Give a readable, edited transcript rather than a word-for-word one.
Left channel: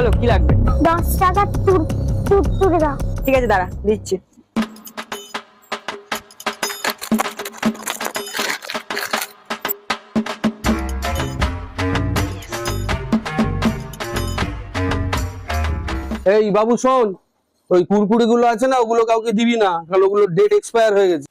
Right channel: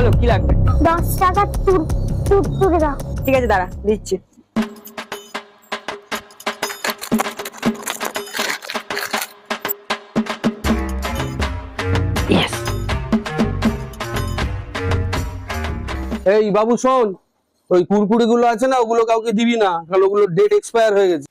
বলো কি লাগবে? 10 টাকা তুরতুরে দাও। ঠিক আছে দাঁড়া দিচ্ছি। এই বাবু শোন, ওই কুরকুরি গুলো আছে না, ওগুলো কাউকে দিবি না, কারণ ওগুলো ডেট এক্সপায়ার হয়ে গেছে।